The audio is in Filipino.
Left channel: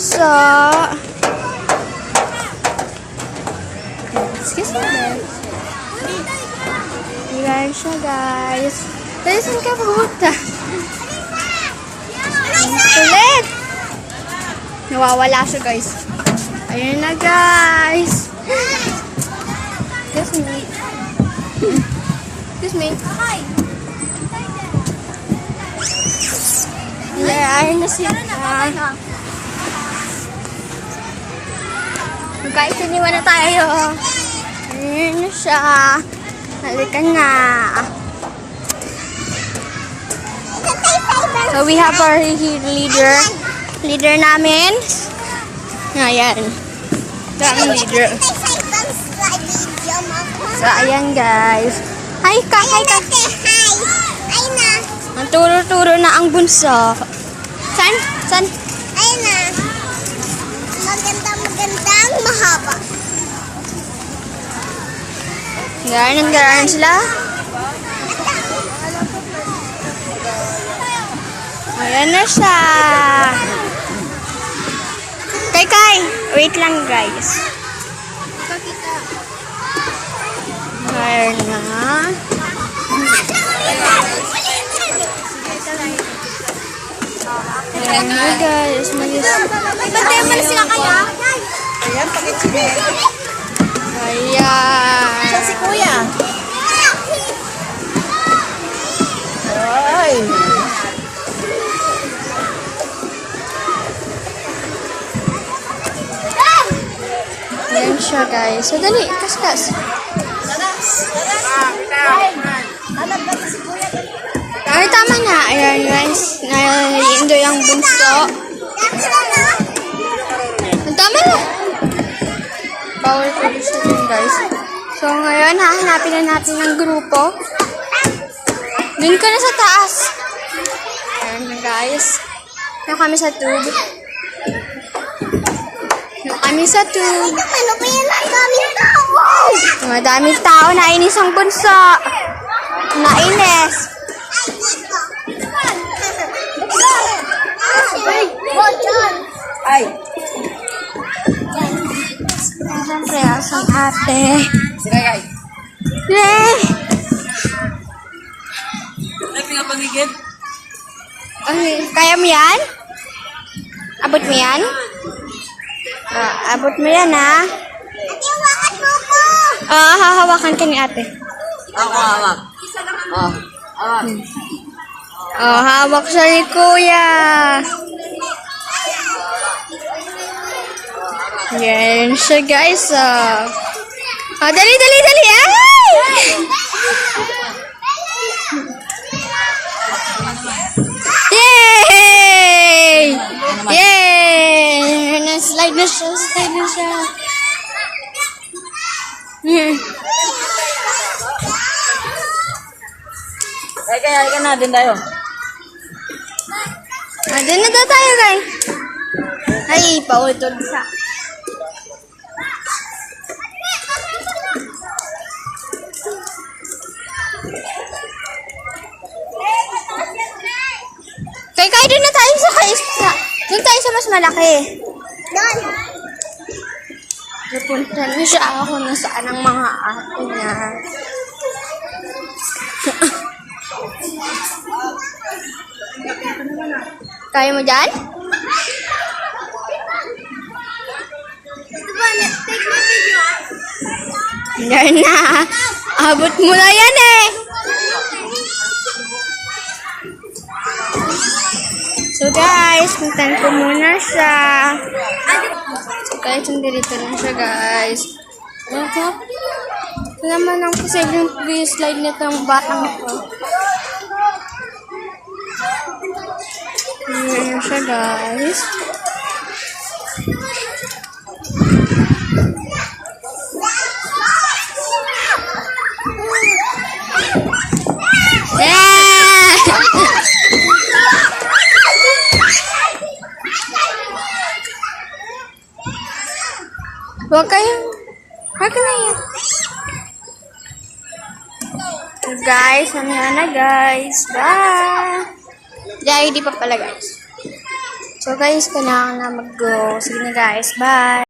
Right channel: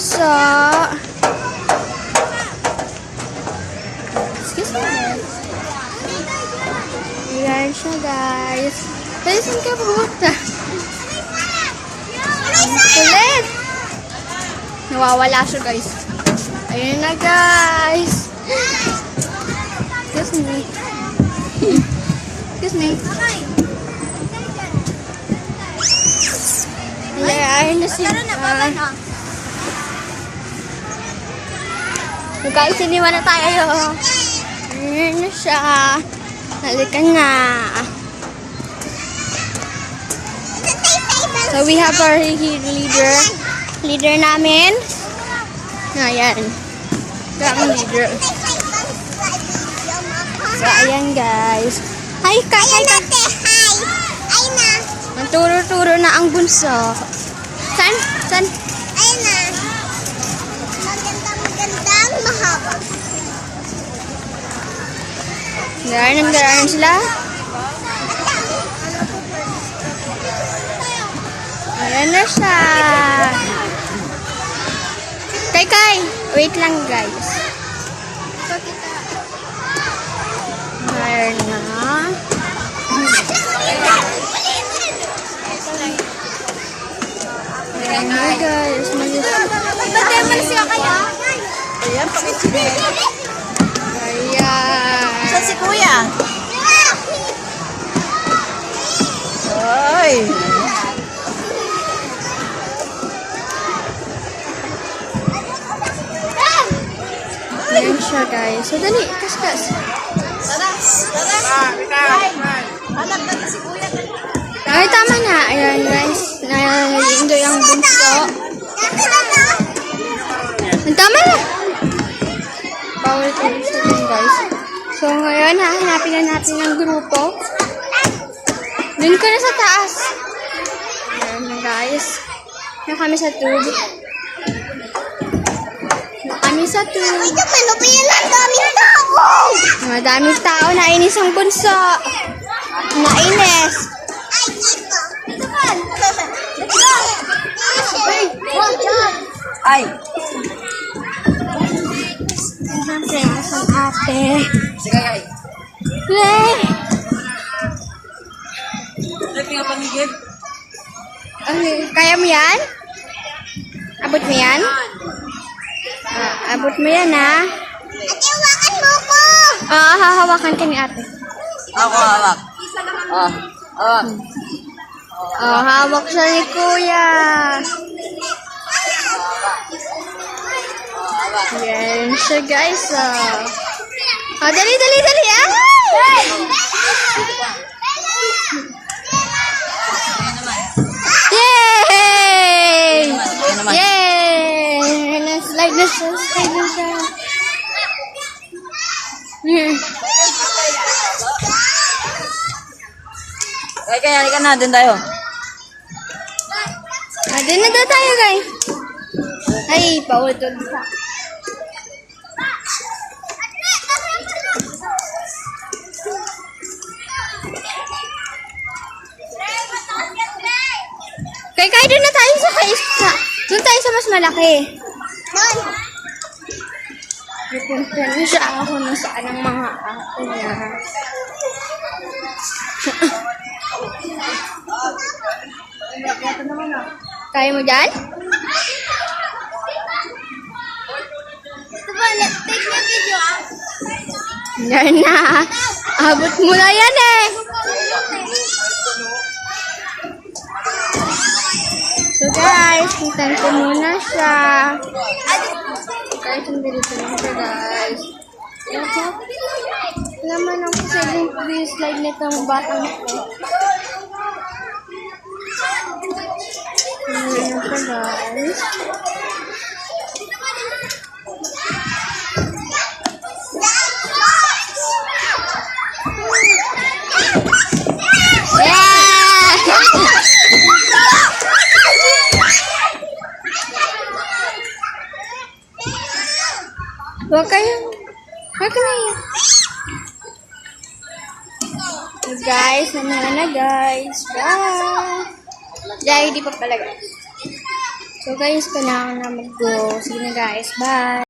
bunso. Excuse me, guys. Ayan siya, guys. Pero saan ka pumunta? Ulit! Nawawala siya, guys. Ayun na, guys. Excuse me. Excuse me. Ayun na siya. Guys, iniwan na tayo. Ayun na siya. Nalikan na. So, we have our leader. Leader namin. Ayan. Ito ang leader. So, ayan guys. Hi, ka. Ang turo-turo na ang bunso. San? Ayun na. Magandang mahaba. Garanan sila. Ayan na siya. Kay. Wait lang guys. Ayan na. Ayan na guys. Ba't mo na sila kaya? Ayan, pakichinel. Ayan. Si Kuya. Ay! Ayan siya guys. So dali, kaskas. Ay, tama na. Ayan guys. Naiindoy ang bunso. Ang tama na. Power to din guys. So ngayon, hahanapin na natin ng grupo. Dun ka na sa taas. Ayan na guys. Doon kami sa tube. Ano ba yan? Ang daming tao! Madaming tao. Nainis ang bunso. Nainis. Ay! Siyempre, asang ate. Sige, ay! Yay! Ay, pinapangigid? Okay, kaya mo yan? Abot mo yan? Abot mo yan, ha? Ate, hawakan mo ko! Hahawakan ka ni ate. Ako, hawak. Oh, hawak. Hawak siya ni kuya. Yan siya, guys. Dali! Ay! Yay! Yay! Slide na siya. Kaya, halika na, dun tayo. Doon na daw tayo, guys. Ay, pautol siya. Kay, doon na tayo sa kaisa. Doon tayo sa mas malaki. Doon! Napunta na siya ako na saan ang mga ate niya. Kaya mo dyan? Ito ba? Take mo video ah. Yan na. Abot mo na yan eh. So guys, puntan ko muna siya. Guys, nandito lang siya guys. Ito naman ang posibleng slide nitong batang ito. Ayan siya guys. Yeah! Huwag kayong... Huwag na yan. So guys, mamaya na guys. Bye! Dahil di pa pala guys. So guys, kailangan na mag-go. Sige na guys, bye!